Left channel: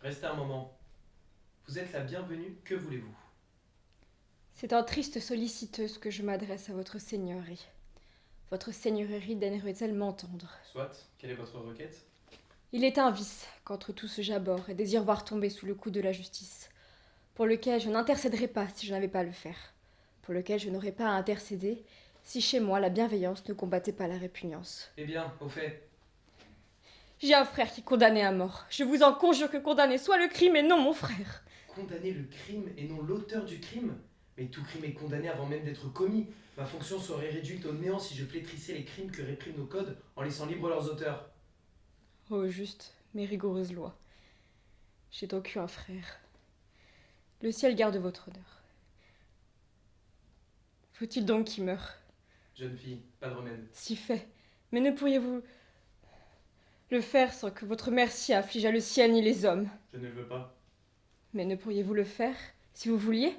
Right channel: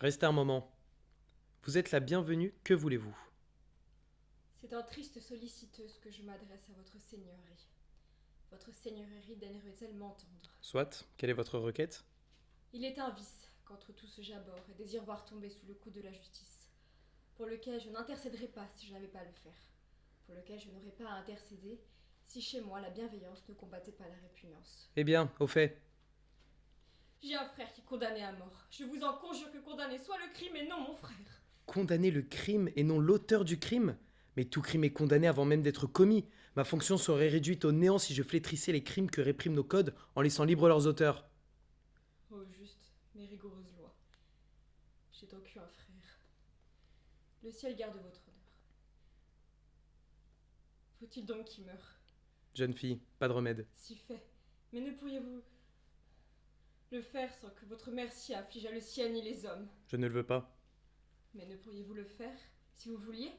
Restez un moment. Vous êtes la bienvenue, que voulez-vous? C'est en triste solliciteuse que je m'adresse à votre seigneurie. Votre seigneurie daignerait-elle m'entendre? Soit, quelle est votre requête? Il est un vice qu'entre tout ce j'abhorre et désire voir tomber sous le coup de la justice, pour lequel je n'intercéderais pas si je n'avais pas à le faire, pour lequel je n'aurais pas à intercéder si chez moi la bienveillance ne combattait pas la répugnance. Eh bien, au fait, J'ai un frère qui est condamné à mort. Je vous en conjure que condamné soit le crime et non mon frère. condamner le crime et non l'auteur du crime? Mais tout crime est condamné avant même d'être commis. Ma fonction serait réduite au néant si je flétrissais les crimes que répriment nos codes en laissant libres leurs auteurs. Oh juste, mais rigoureuse loi. J'ai donc eu un frère. Le ciel garde votre honneur. Faut-il donc qu'il meure? Jeune fille, pas de remède. Si fait. Mais ne pourriez-vous le faire sans que votre merci affligeât le ciel ni les hommes? Je ne le veux pas. Mais ne pourriez-vous le faire, si vous vouliez?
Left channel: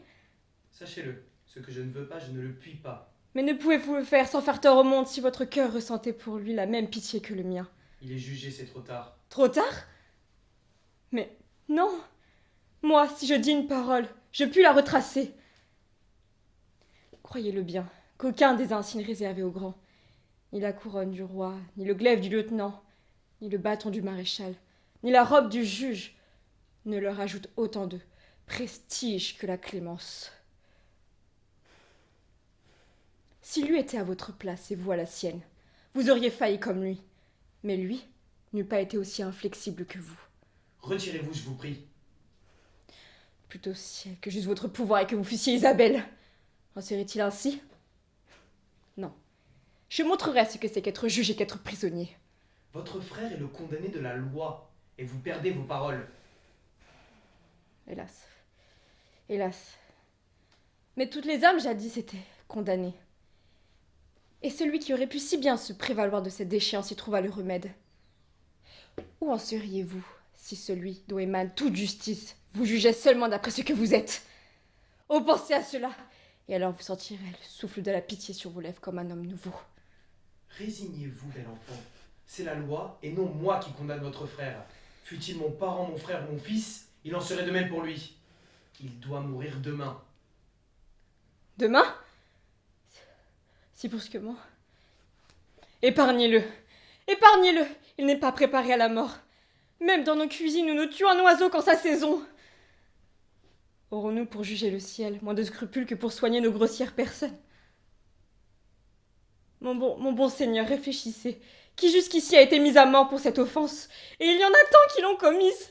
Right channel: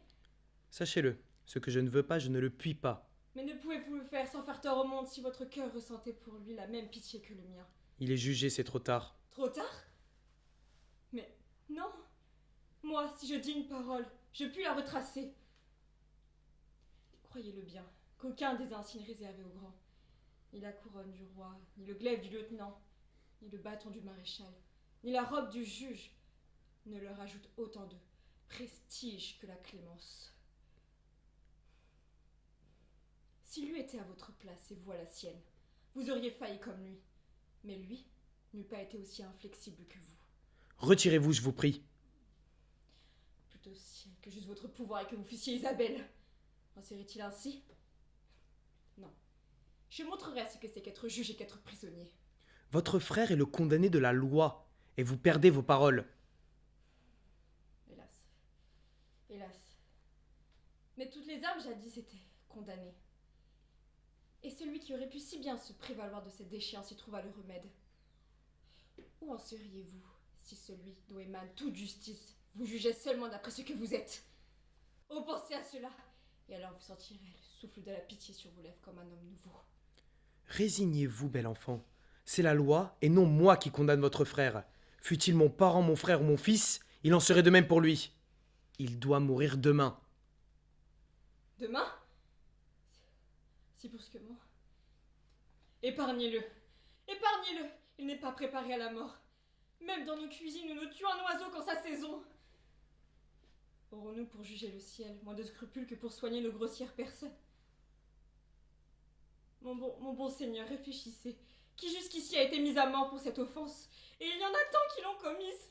Sachez-le, ce que je ne veux pas, je ne le puis pas. Mais ne pouvez-vous le faire sans faire tort au monde si votre cœur ressentait pour lui la même pitié que le mien? Il est jugé, c'est trop tard. Trop tard? Mais non. Moi, si je dis une parole, je puis la retracer. Croyez-le bien, qu'aucun des insignes réservés aux grands, ni la couronne du roi, ni le glaive du lieutenant, ni le bâton du maréchal, ni la robe du juge, ne leur ajoute autant de prestige que la clémence. Si lui était à votre place et vous à la sienne, vous auriez failli comme lui. Mais lui n'eût pas été aussi inflexible que vous. Retirez-vous, je vous prie. Plutôt ciel que juste votre pouvoir et que vous fussiez Isabelle. En serait-il ainsi? Non. Je montrerai ce que c'est qu'être juge et qu'être prisonnier. Votre frère est le condamné de la loi, et vous perdez vos paroles. Hélas. Hélas. Mais toutes les âmes jadis étaient condamnées. Et celui qui aurait pu si bien se prévaloir de cette déchéance y trouva le remède. Où en seriez-vous si celui dont émane toute justice vous jugeait seulement d'après ce que vous êtes? Oh, pensez à cela, et alors vous sentirez le souffle de la pitié sur vos lèvres comme un homme nouveau. Résignez-vous, bel enfant. C'est la loi, et non moi qui condamne votre frère. Fût-il mon parent, mon frère ou mon fils, il en serait de même pour lui. Il doit mourir demain. Demain? Si brusquement. Épargnez-le. Épargnez-le. Il n'est pas préparé à la mort. Même dans nos cuisines, nous nous tuons un oiseau quand sa saison. Aurons-nous pour juger le ciel moins de scrupules que pour soigner nos grossières personnes? Mon bon Seigneur, réfléchissez. Qui jusqu'ici a été mis à mort pour cette offense? Et il y en a tant qui l'ont commise.